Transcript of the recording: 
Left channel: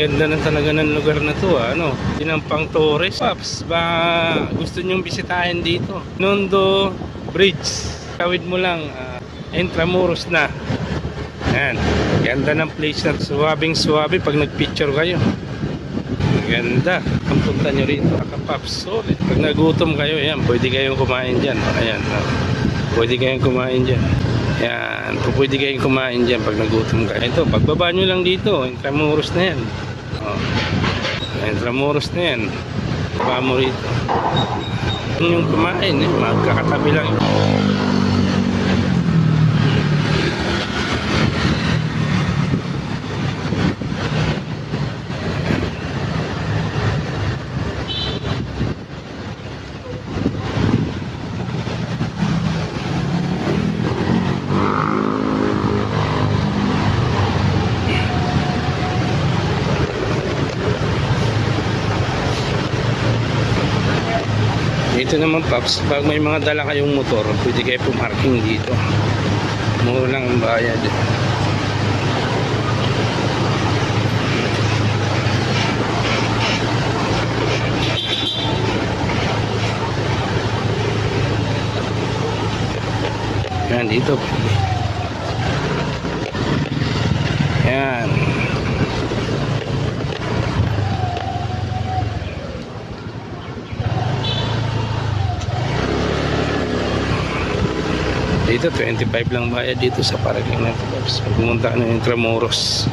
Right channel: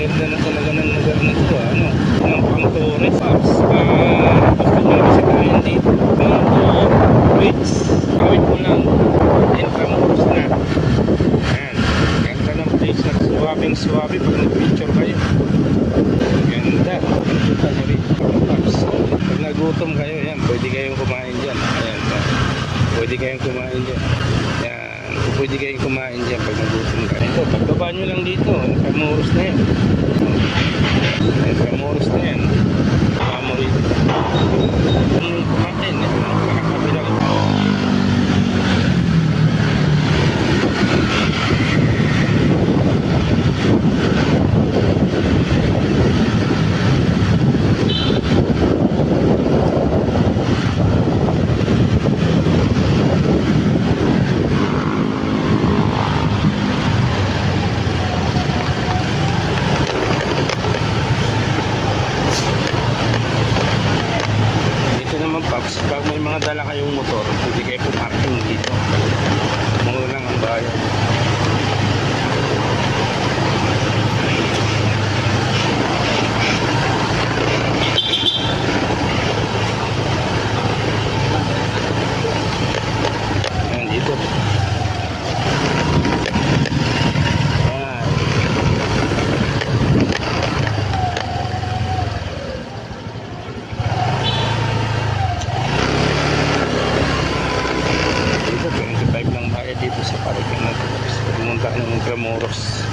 Ganda na talaga ng lugar na to, ano. Yun ang pang tourist. Paps, gusto nyo bisitahin dito. Mundo Bridge. Kawit mo lang. Intramuros na. Ayan. Ganda ng place na. Suwabing-suwabe pag nag-picture kayo. Ganda. Ang punta nyo rito. Paps. Pag nagutom kayo, yan. Pwede kayong kumain dyan. Ayan. Pwede kayong kumain dyan. Yan. Pwede kayong kumain dyan pag nagutom kayo. Ito, pagbaba nyo lang dito. Intramuros na yan. Intramuros na yan. Baba mo rito. Ano yung kumain? Magkakatabi lang. Dito naman, Paps, pag may mga dala kayong motor, pwede kayo pumarking dito. Mura lang ang bayad. Yan, dito. Yan. Dito 25 lang bayad dito sa parking natin. Pumunta ka ng Intramuros.